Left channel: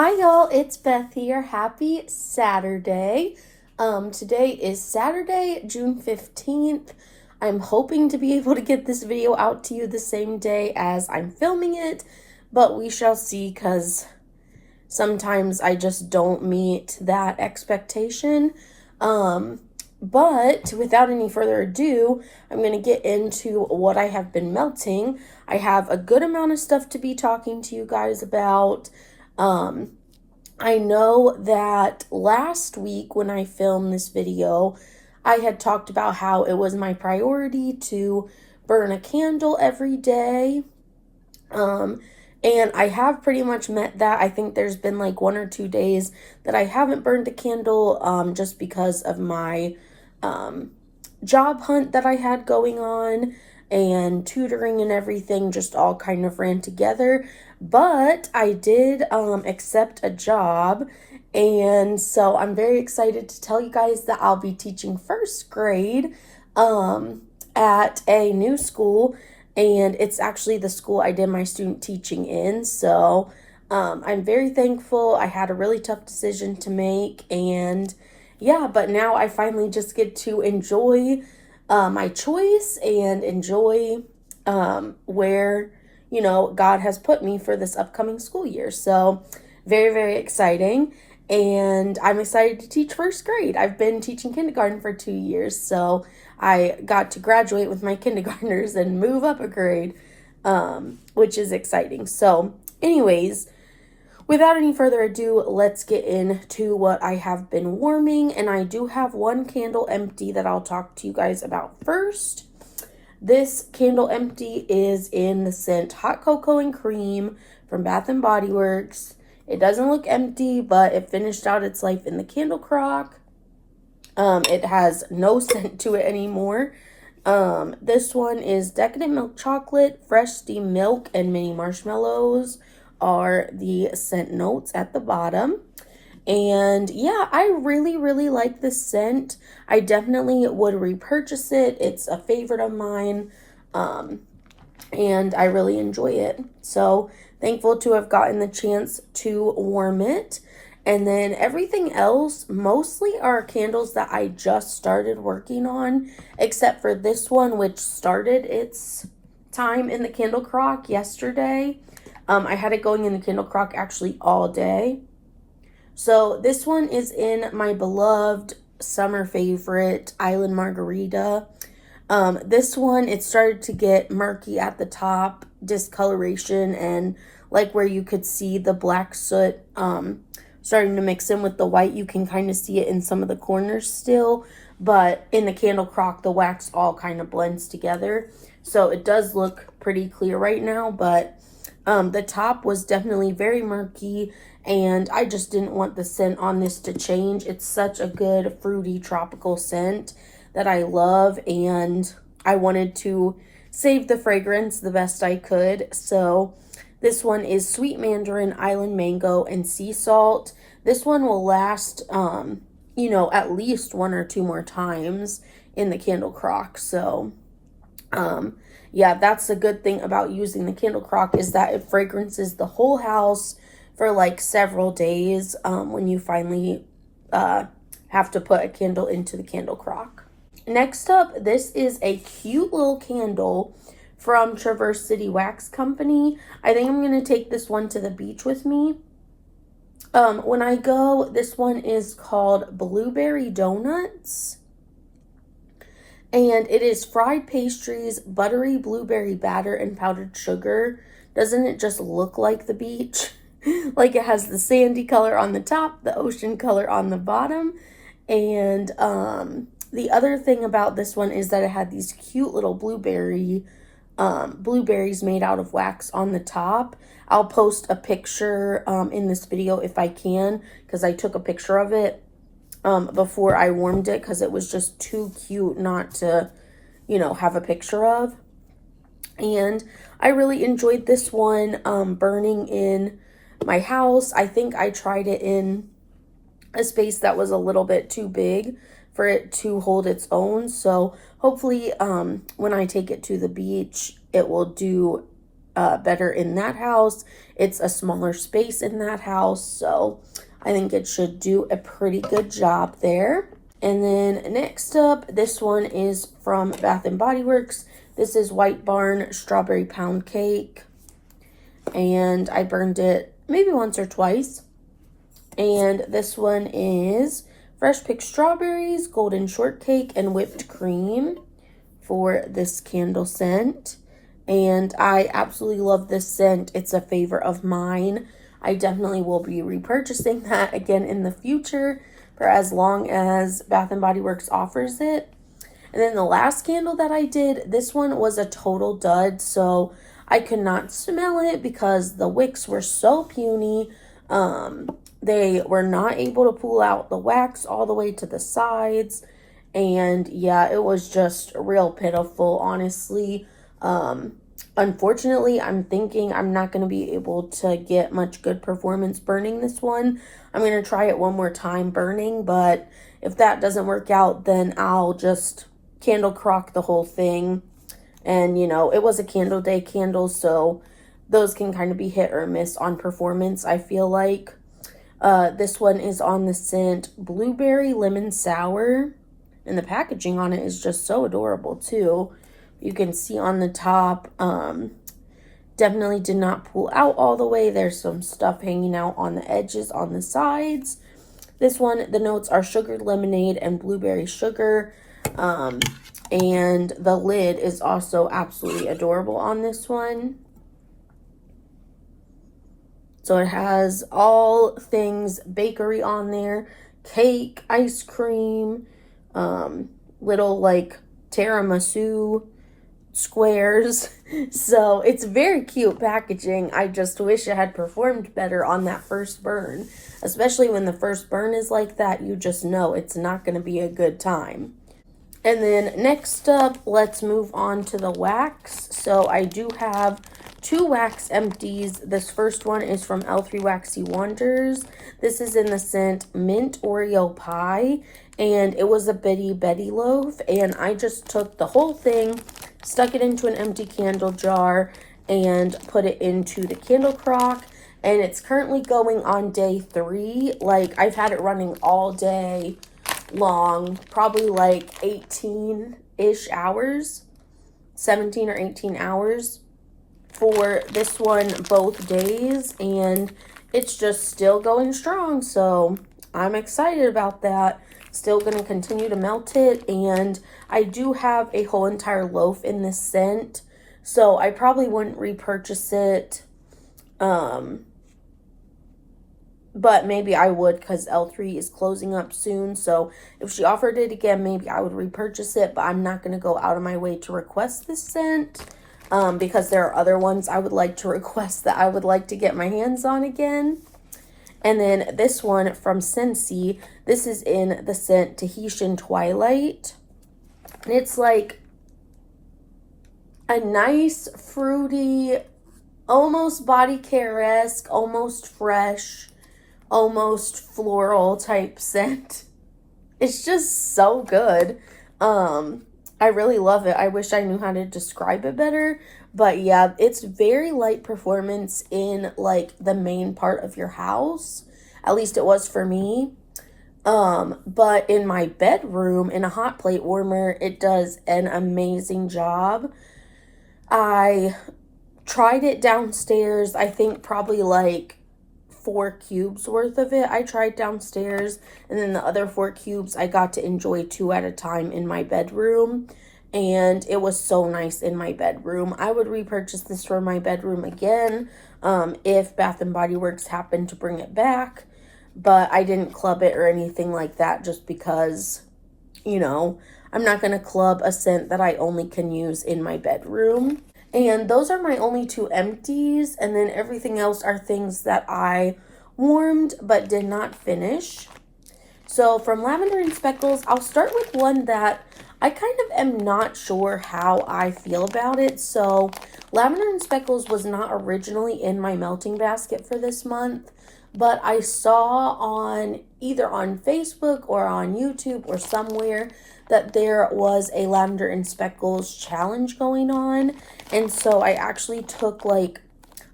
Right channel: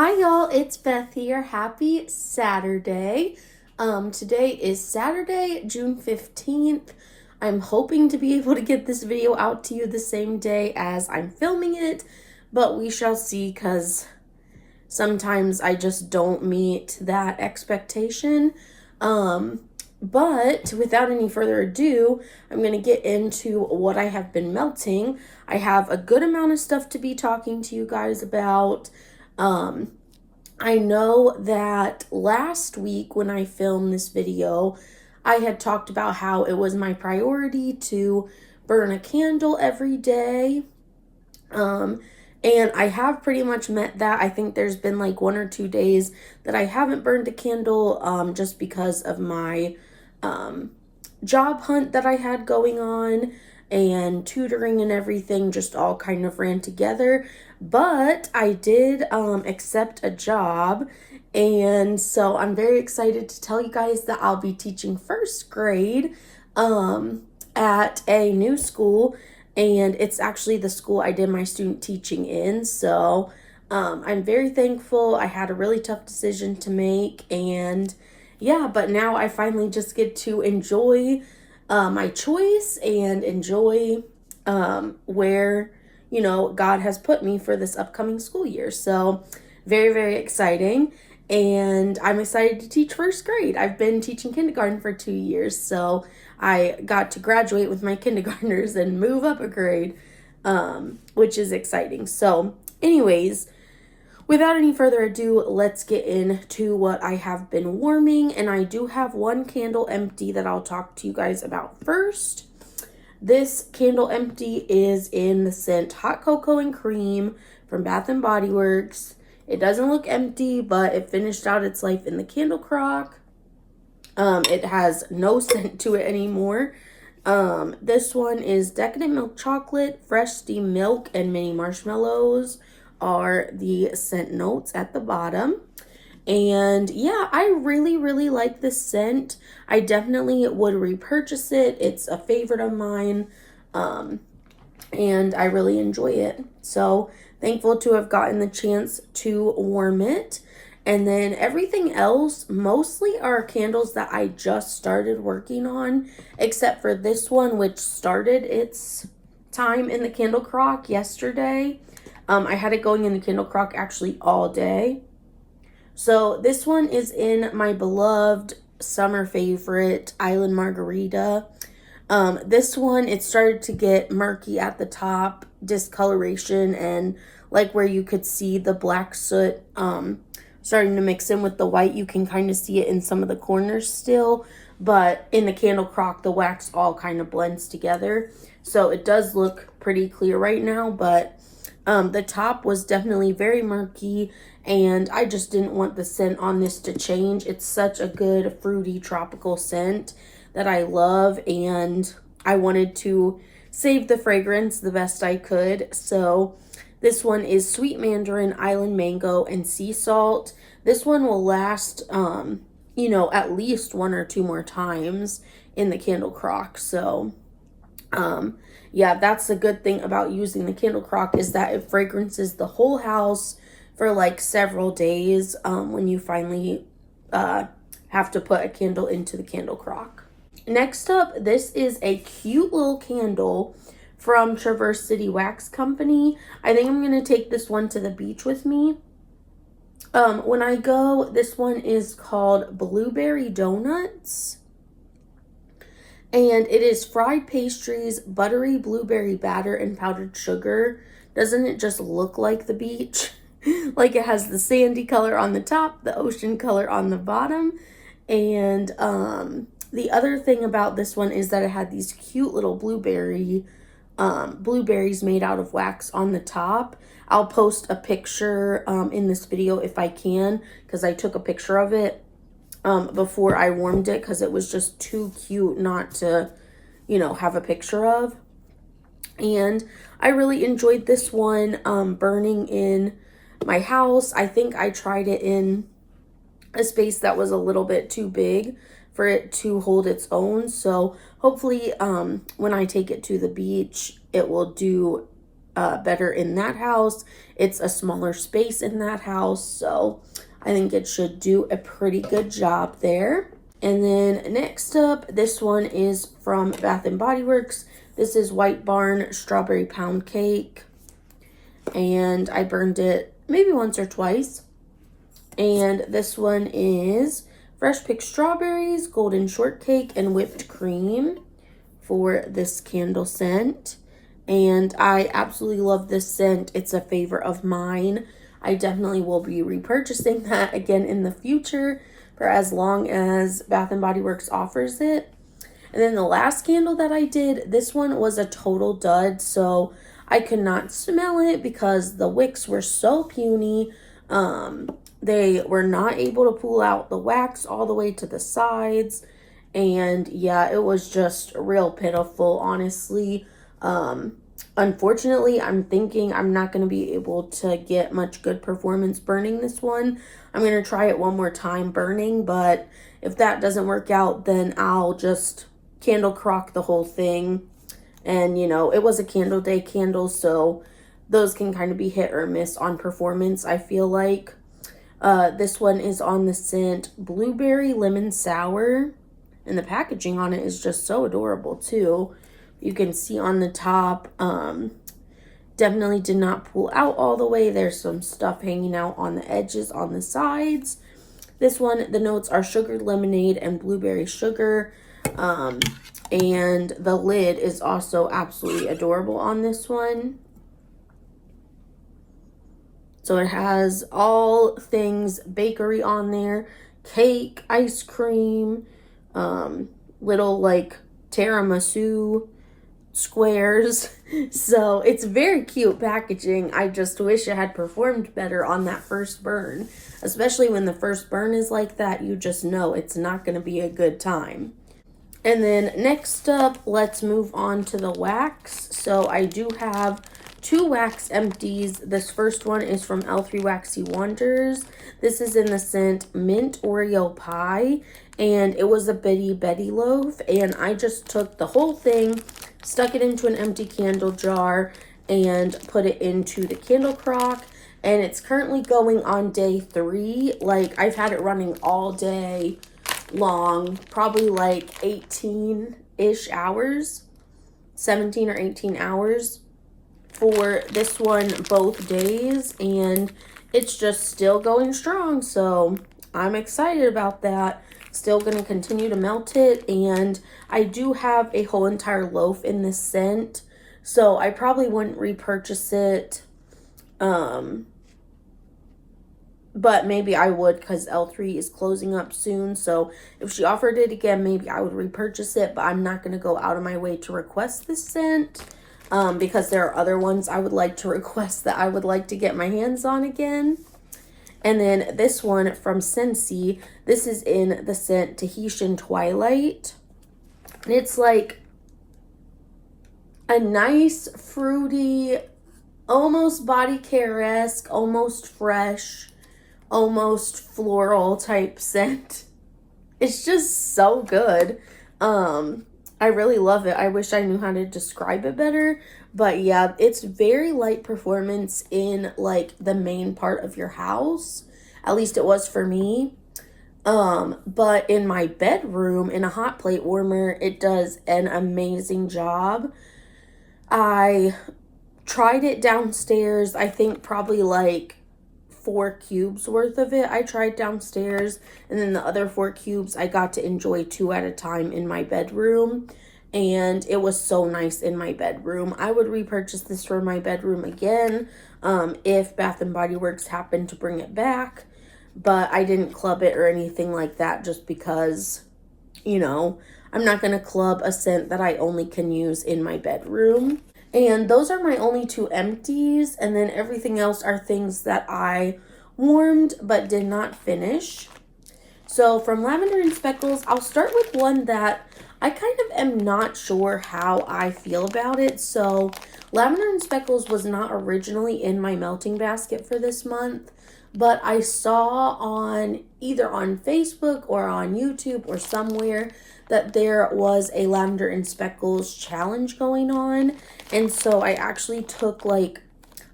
Hi y'all, it's Beth here. Happy Saturday. Today is Saturday, June 15th. I'm hoping to be able to get this video out to you the same day as I'm filming it, but we shall see because sometimes I just don't meet that expectation. But without any further ado, I'm going to get into what I have been melting. I have a good amount of stuff to be talking to you guys about. I know that last week when I filmed this video, I had talked about how it was my priority to burn a candle every day. And I have pretty much met that. I think there's been like 1 or 2 days that I haven't burned a candle, just because of my, job hunt that I had going on and tutoring and everything just all kind of ran together. But I did accept a job, and so I'm very excited to tell you guys that I'll be teaching first grade at a new school, and it's actually the school I did my student teaching in. So I'm very thankful. I had a really tough decision to make, and yeah, but now I finally just get to enjoy my choice and enjoy where God has put me for this upcoming school year. So very, very exciting. And I'm excited to teach first grade. I've been teaching kindergarten for 2 years, so I got to graduate with my kindergartners and move up a grade, which is exciting. So anyways, without any further ado, let's get into what I have been warming. And I do have one candle empty that I'll talk to you guys about first. This candle empty is in the scent Hot Cocoa and Cream from Bath & Body Works. It doesn't look empty, but it finished out its life in the candle crock. It has no scent to it anymore. This one is Decadent Milk Chocolate, Fresh Steamed Milk, and Mini Marshmallows are the scent notes at the bottom. And yeah, I really, really like this scent. I definitely would repurchase it. It's a favorite of mine. And I really enjoy it. So thankful to have gotten the chance to warm it. And then everything else mostly are candles that I just started working on, except for this one, which started its time in the candle crock yesterday. I had it going in the candle crock actually all day. So this one is in my beloved summer favorite, Island Margarita. This one, it started to get murky at the top, discoloration, and like where you could see the black soot starting to mix in with the white. You can kind of see it in some of the corners still, but in the candle crock, the wax all kind of blends together. So it does look pretty clear right now, but the top was definitely very murky, and I just didn't want the scent on this to change. It's such a good fruity tropical scent that I love, and I wanted to save the fragrance the best I could. So this one is Sweet Mandarin, Island Mango, and Sea Salt. This one will last, at least 1 or 2 more times in the candle crock. So, yeah, that's the good thing about using the candle crock, is that it fragrances the whole house for like several days when you finally have to put a candle into the candle crock. Next up, this is a cute little candle from Traverse City Wax Company. I think I'm going to take this one to the beach with me. When I go, this one is called Blueberry Donuts. And it is fried pastries, buttery blueberry batter, and powdered sugar. Doesn't it just look like the beach? Like it has the sandy color on the top, the ocean color on the bottom. And the other thing about this one is that it had these cute little blueberries made out of wax on the top. I'll post a picture in this video if I can, because I took a picture of it before I warmed it, because it was just too cute not to, have a picture of. And I really enjoyed this one burning in my house. I think I tried it in a space that was a little bit too big for it to hold its own. So hopefully when I take it to the beach, it will do better in that house. It's a smaller space in that house, so I think it should do a pretty good job there. And then next up, this one is from Bath and Body Works. This is White Barn Strawberry Pound Cake. And I burned it maybe once or twice. And this one is Fresh Picked Strawberries, Golden Shortcake, and Whipped Cream for this candle scent. And I absolutely love this scent. It's a favorite of mine. I definitely will be repurchasing that again in the future for as long as Bath & Body Works offers it. And then the last candle that I did, this one was a total dud, so I could not smell it because the wicks were so puny. They were not able to pull out the wax all the way to the sides. And yeah, it was just real pitiful, honestly. Unfortunately, I'm thinking I'm not going to be able to get much good performance burning this one. I'm going to try it one more time burning, but if that doesn't work out, then I'll just candle crock the whole thing. And, you know, it was a candle day candle, so those can kind of be hit or miss on performance, I feel like. This one is on the scent Blueberry Lemon Sour, and the packaging on it is just so adorable, too. You can see on the top, definitely did not pull out all the way. There's some stuff hanging out on the edges, on the sides. This one, the notes are sugared lemonade and blueberry sugar. And the lid is also absolutely adorable on this one. So it has all things bakery on there. Cake, ice cream, little like tiramisu squares. So it's very cute packaging. I just wish it had performed better on that first burn. Especially when the first burn is like that, you just know it's not going to be a good time. And then next up, let's move on to the wax. So I do have 2 wax empties. This first one is from L3 Waxy Wonders. This is in the scent Mint Oreo Pie, and it was a Bitty Betty loaf, and I just took the whole thing, stuck it into an empty candle jar, and put it into the candle crock, and it's currently going on day 3. Like, I've had it running all day long, probably like 18-ish hours, 17 or 18 hours for this one both days, and it's just still going strong, so I'm excited about that. Still going to continue to melt it, and I do have a whole entire loaf in this scent, so I probably wouldn't repurchase it, but maybe I would because L3 is closing up soon. So if she offered it again, maybe I would repurchase it, but I'm not going to go out of my way to request this scent because there are other ones I would like to request that I would like to get my hands on again. And then this one from Scentsy, this is in the scent Tahitian Twilight. And it's like a nice, fruity, almost body care-esque, almost fresh, almost floral type scent. It's just so good. I really love it. I wish I knew how to describe it better, but yeah, it's very light performance in like the main part of your house. At least it was for me. But in my bedroom, in a hot plate warmer, it does an amazing job. I tried it downstairs, I think probably like 4 cubes worth of it I tried downstairs, and then the other 4 cubes I got to enjoy 2 at a time in my bedroom, and it was so nice in my bedroom. I would repurchase this for my bedroom again if Bath and Body Works happened to bring it back, but I didn't club it or anything like that just because, you know, I'm not going to club a scent that I only can use in my bedroom. And those are my only 2 empties, and then everything else are things that I warmed but did not finish. So from Lavender and Speckles, I'll start with one that I kind of am not sure how I feel about it. So Lavender and Speckles was not originally in my melting basket for this month, but I saw on either on Facebook or on YouTube or somewhere that there was a Lavender and Speckles challenge going on. And so I actually took like,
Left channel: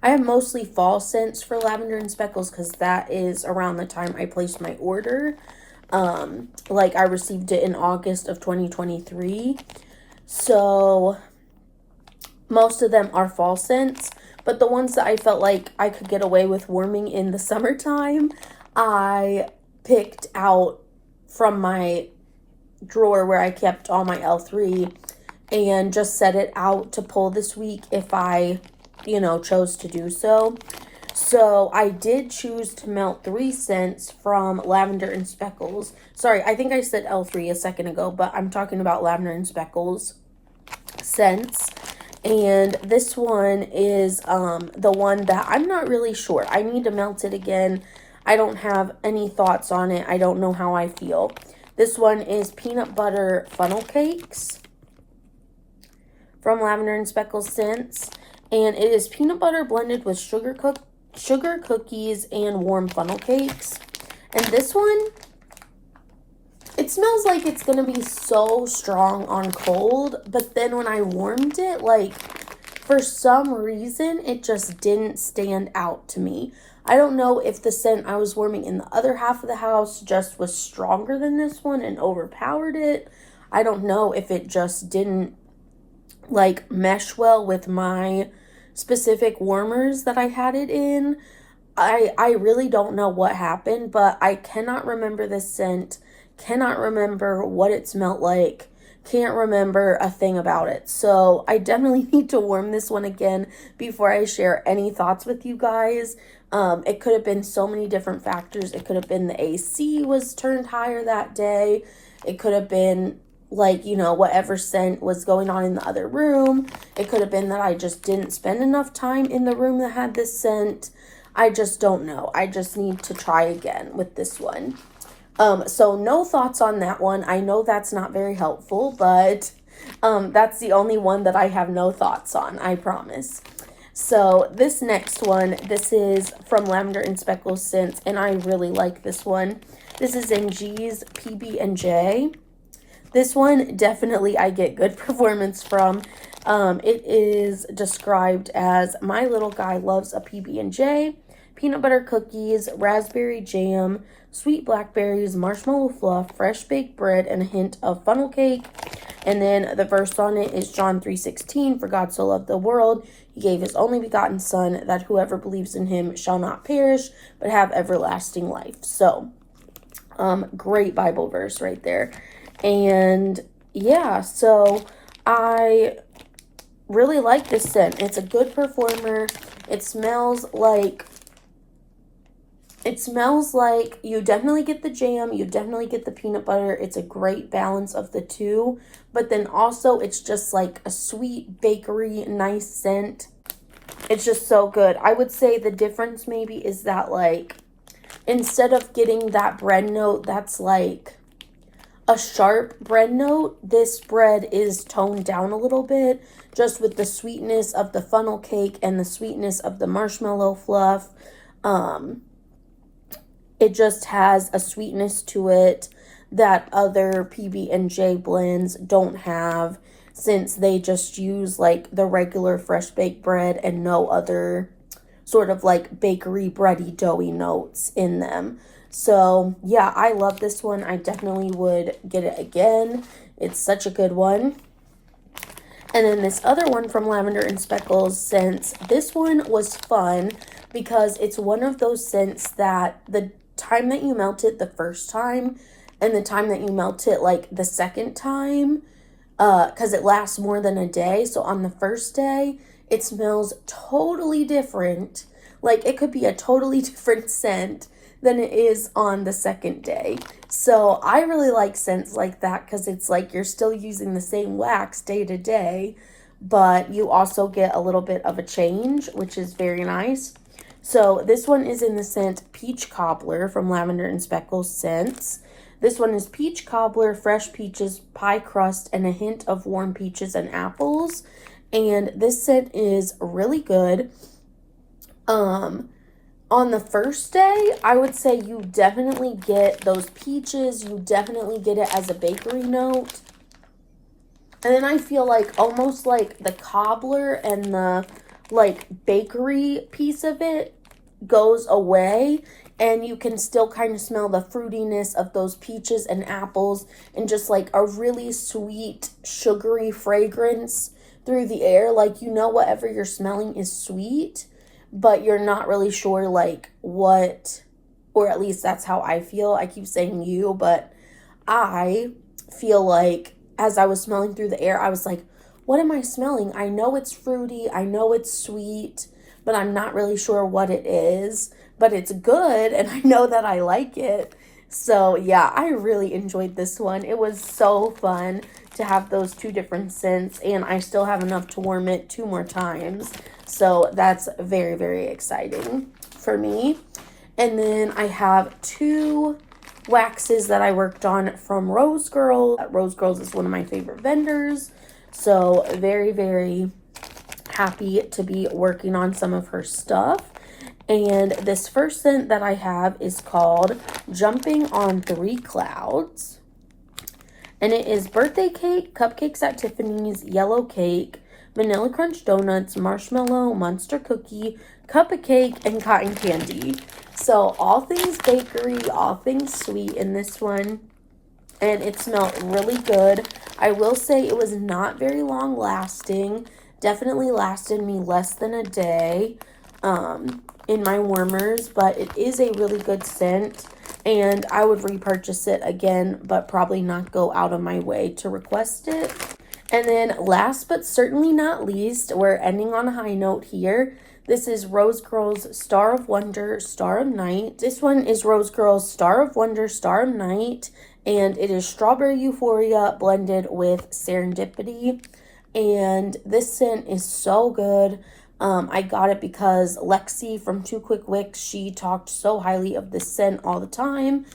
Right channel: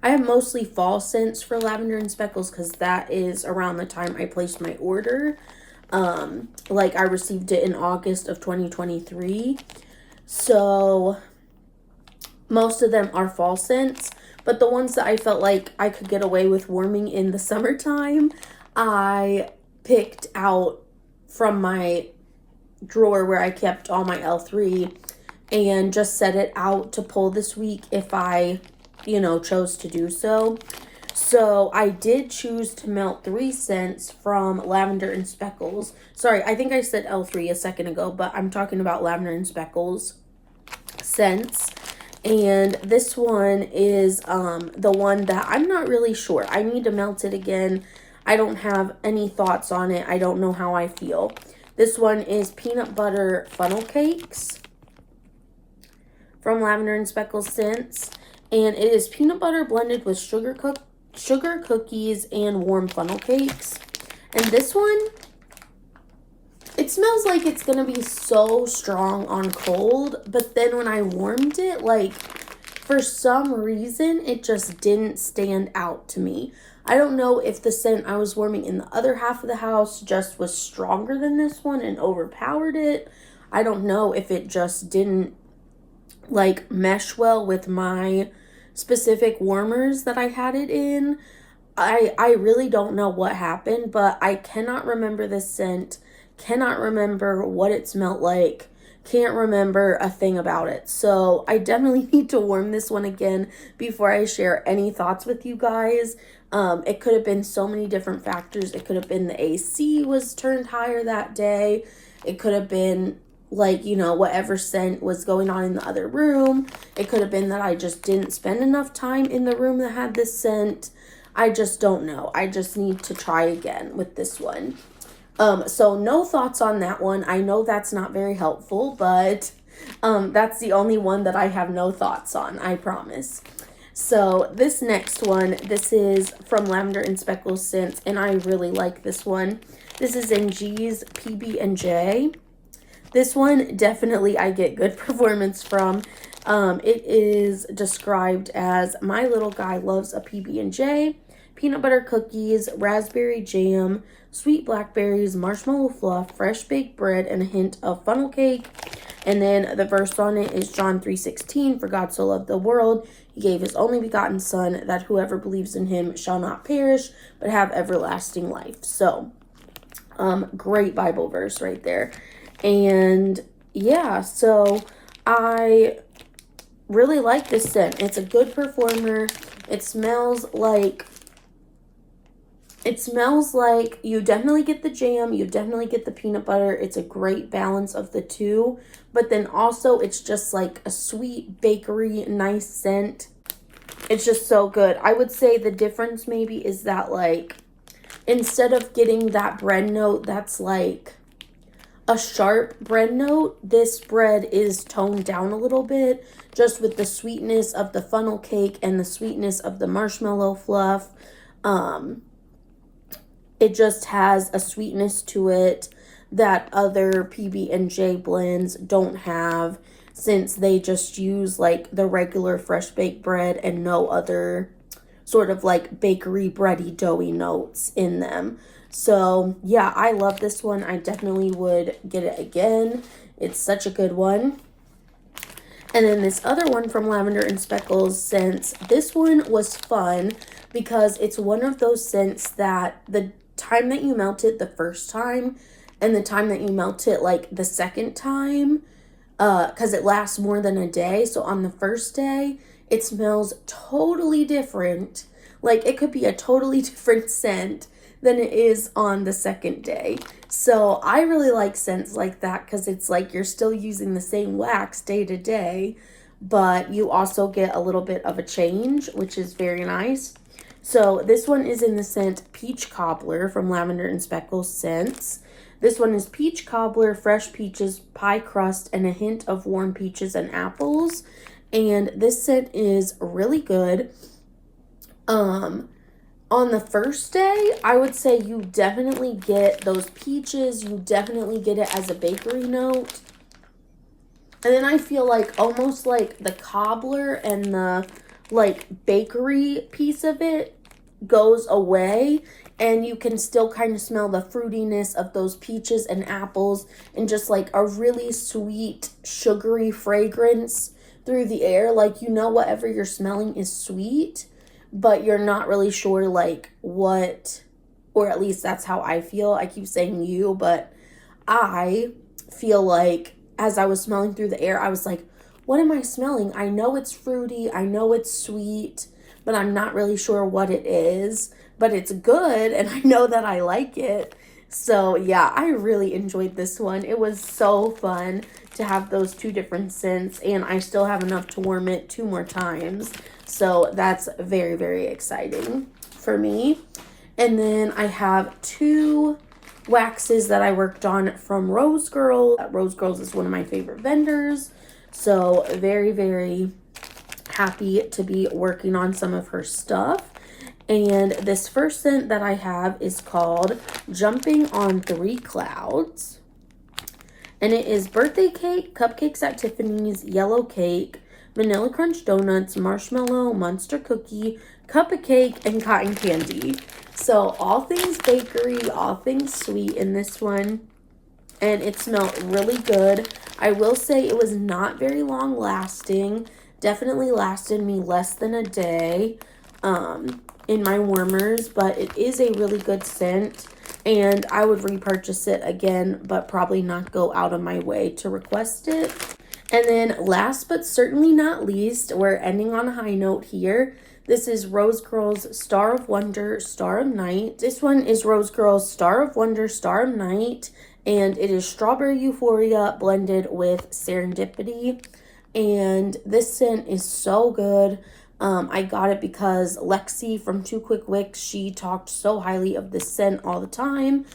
I have mostly fall scents for Lavender and Speckles because that is around the time I placed my order. Like I received it in August of 2023. So most of them are fall scents, but the ones that I felt like I could get away with warming in the summertime, I picked out from my drawer where I kept all my L3 and just set it out to pull this week if I, chose to do so. So I did choose to melt 3 scents from Lavender and Speckles. Sorry, I think I said L3 a second ago, but I'm talking about Lavender and Speckles scents. And this one is the one that I'm not really sure. I need to melt it again. I don't have any thoughts on it. I don't know how I feel. This one is Peanut Butter Funnel Cakes from Lavender and Speckles Scents. And it is peanut butter blended with sugar cookies and warm funnel cakes. And this one, it smells like it's going to be so strong on cold, but then when I warmed it, like, for some reason, it just didn't stand out to me. I don't know if the scent I was warming in the other half of the house just was stronger than this one and overpowered it. I don't know if it just didn't, like, mesh well with my specific warmers that I had it in. I really don't know what happened, but I cannot remember this scent. Cannot remember what it smelled like. Can't remember a thing about it. So I definitely need to warm this one again before I share any thoughts with you guys. It could have been so many different factors. It could have been the AC was turned higher that day. It could have been like, whatever scent was going on in the other room. It could have been that I just didn't spend enough time in the room that had this scent. I just don't know. I just need to try again with this one. So no thoughts on that one. I know that's not very helpful, but that's the only one that I have no thoughts on, I promise. So this next one, this is from Lavender and Speckles Scents, and I really like this one. This is in G's PB&J. This one, definitely I get good performance from. It is described as, my little guy loves a PB&J, peanut butter cookies, raspberry jam, sweet blackberries, marshmallow fluff, fresh baked bread, and a hint of funnel cake. And then the verse on it is John 3:16, for God so loved the world, he gave his only begotten son, that whoever believes in him shall not perish, but have everlasting life. So, great Bible verse right there. And yeah, so I really like this scent. It's a good performer. It smells like you definitely get the jam, you definitely get the peanut butter. It's a great balance of the two, but then also it's just like a sweet bakery, nice scent. It's just so good. I would say the difference maybe is that, like, instead of getting that bread note that's like a sharp bread note, this bread is toned down a little bit, just with the sweetness of the funnel cake and the sweetness of the marshmallow fluff. It just has a sweetness to it that other PB&J blends don't have, since they just use like the regular fresh baked bread and no other sort of like bakery bready doughy notes in them. So yeah, I love this one. I definitely would get it again. It's such a good one. And then this other one from Lavender and Speckles Scents, this one was fun because it's one of those scents that the time that you melt it the first time and the time that you melt it like the second time, because it lasts more than a day. So on the first day, it smells totally different. Like it could be a totally different scent than it is on the second day. So I really like scents like that because it's like you're still using the same wax day to day, but you also get a little bit of a change, which is very nice. So this one is in the scent Peach Cobbler from Lavender and Speckles Scents. This one is peach cobbler, fresh peaches, pie crust, and a hint of warm peaches and apples. And this scent is really good. On the first day, I would say you definitely get those peaches. You definitely get it as a bakery note. And then I feel like almost like the cobbler and the like bakery piece of it goes away, and you can still kind of smell the fruitiness of those peaches and apples and just like a really sweet sugary fragrance through the air. Like, you know, whatever you're smelling is sweet, but you're not really sure like what, or at least that's how I feel. I keep saying you, but I feel like as I was smelling through the air, I was like, what am I smelling? I know it's fruity, I know it's sweet, but I'm not really sure what it is. But it's good, and I know that I like it. So, yeah, I really enjoyed this one. It was so fun to have those two different scents, and I still have enough to warm it 2 more times. So, that's very, very exciting for me. And then I have 2 waxes that I worked on from Rose Girl. Rose Girls is one of my favorite vendors. So, very, very happy to be working on some of her stuff. And this first scent that I have is called Jumping on 3 Clouds. And it is birthday cake, cupcakes at Tiffany's, yellow cake, vanilla crunch donuts, marshmallow, monster cookie, cup of cake, and cotton candy. So all things bakery, all things sweet in this one. And it smelled really good. I will say it was not very long lasting. Definitely lasted me less than a day. In my warmers, but it is a really good scent, and I would repurchase it again, but probably not go out of my way to request it. And then last but certainly not least, we're ending on a high note here. This is Rose Girl's Star of Wonder, Star of Night. This one is Rose Girl's Star of Wonder, Star of Night, and it is Strawberry Euphoria blended with Serendipity. And this scent is so good. I got it because Lexi from Two Quick Wicks, she talked so highly of this scent all the time,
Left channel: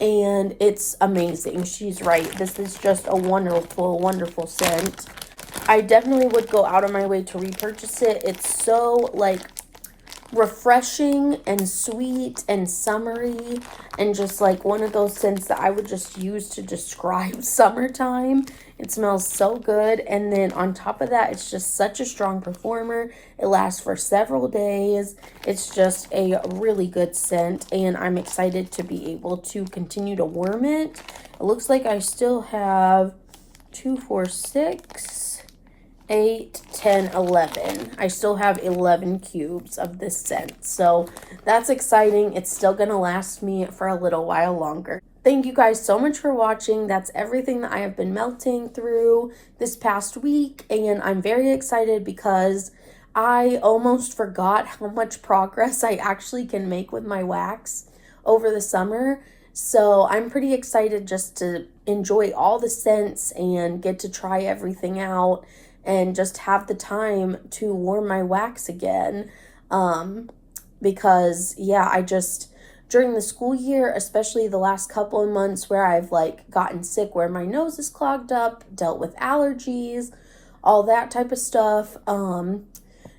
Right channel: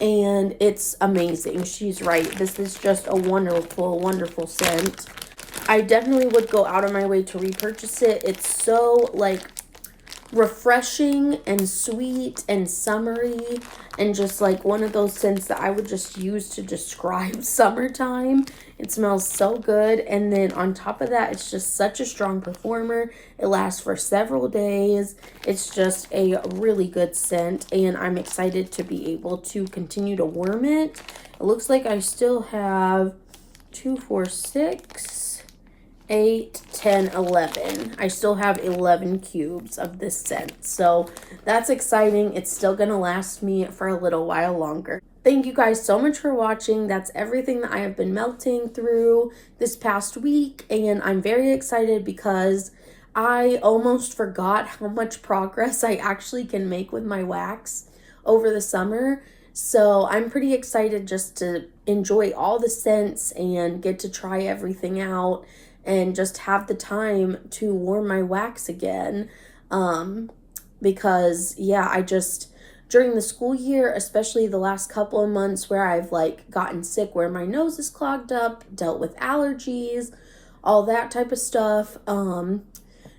and it's amazing. She's right. This is just a wonderful, wonderful scent. I definitely would go out of my way to repurchase it. It's so, like, refreshing and sweet and summery, and just like one of those scents that I would just use to describe summertime. It smells so good, and then on top of that, it's just such a strong performer. It lasts for several days. It's just a really good scent, and I'm excited to be able to continue to warm it. It looks like I still have 2, 4, 6, 8, 10, 11. I still have 11 cubes of this scent, so that's exciting. It's still gonna last me for a little while longer. Thank you guys so much for watching. That's everything that I have been melting through this past week, and I'm very excited because I almost forgot how much progress I actually can make with my wax over the summer. So I'm pretty excited just to enjoy all the scents and get to try everything out and just have the time to warm my wax again. Because yeah, during the school year, especially the last couple of months where I've like gotten sick, where my nose is clogged up, dealt with allergies, all that type of stuff,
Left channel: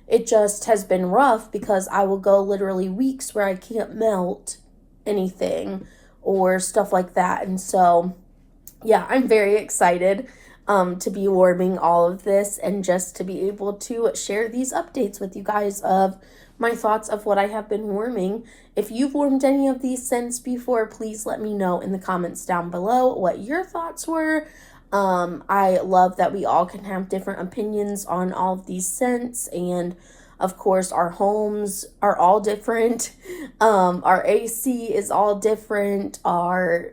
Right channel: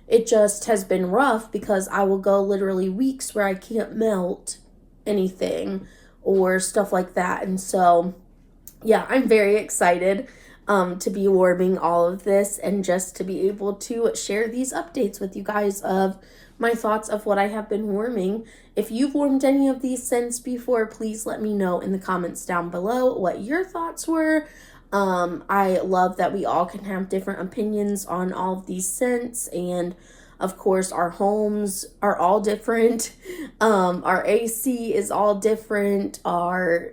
it just has been rough because I will go literally weeks where I can't melt anything or stuff like that. And so, yeah, I'm very excited to be warming all of this and just to be able to share these updates with you guys of my thoughts of what I have been warming. If you've warmed any of these scents before, please let me know in the comments down below what your thoughts were. I love that we all can have different opinions on all of these scents, and of course our homes are all different. Our AC is all different. Our,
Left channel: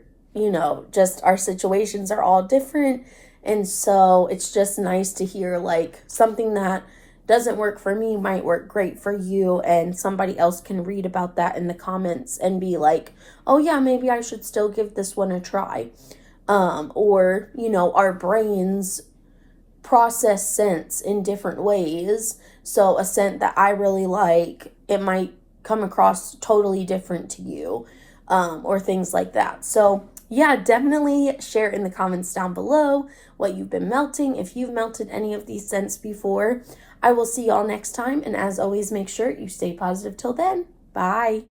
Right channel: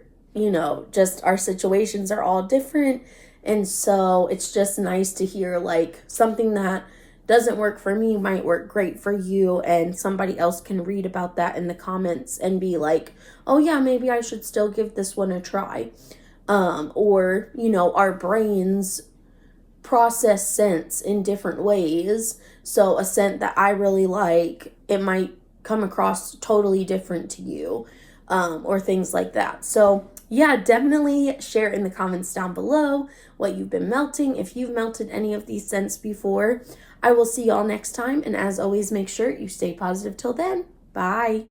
just our situations are all different. And so it's just nice to hear like something that doesn't work for me might work great for you, and somebody else can read about that in the comments and be like, oh yeah, maybe I should still give this one a try. Or, our brains process scents in different ways. So a scent that I really like, it might come across totally different to you, or things like that. So yeah, definitely share in the comments down below what you've been melting, if you've melted any of these scents before. I will see y'all next time, and as always, make sure you stay positive till then. Bye.